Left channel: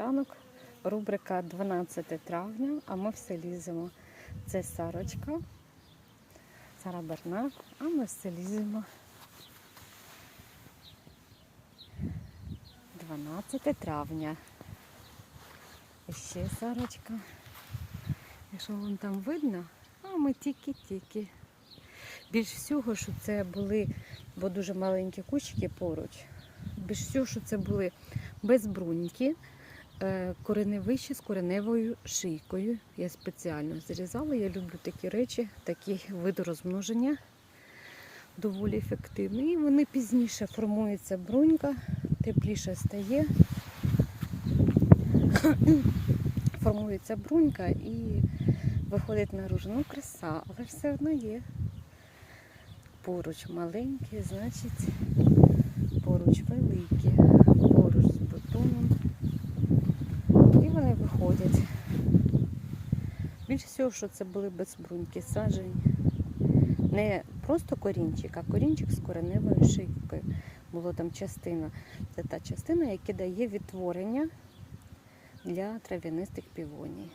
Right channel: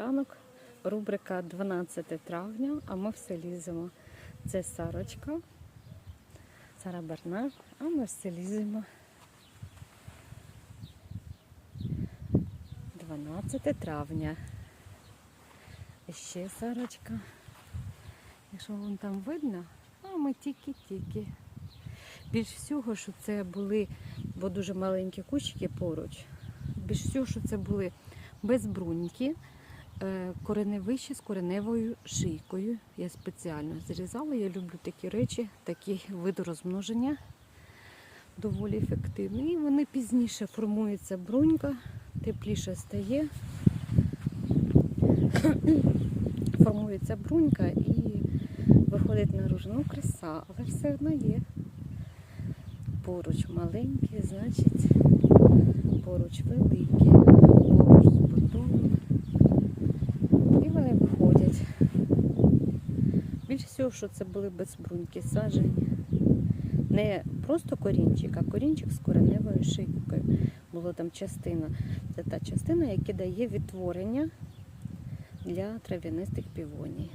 Ранок, рубрика 12 травня, а ми все ліземо. Це Сарочка, Сара Бернар, а ми все ліземо. 12 травня. І ще Сарочка. Якщо вам там видно, а ми тільки-тільки. Більш всього, що це були, бо дуже маленькі кущики поруч. Більш всього, що це були безбруньки, е, кореневищі з кореневою шийкою. Я спеціально зрізала. Я люблю такі речі, такі види розмноження доволі ефективні. І вони пізніше формується брунька, тепліше стає. Формується брунька і виходить наружу. Ну, краса, але все одно є. Поруч маленькі, значить, поруч великі, поруч з бутоном. І вони виходять. Більше всього, що це були безбруньки саджені. Не просто корінчик, а корінчик з кореневою шийкою. Була там частина. Це та частина, яка дає відтворення для трав'янистих півоній.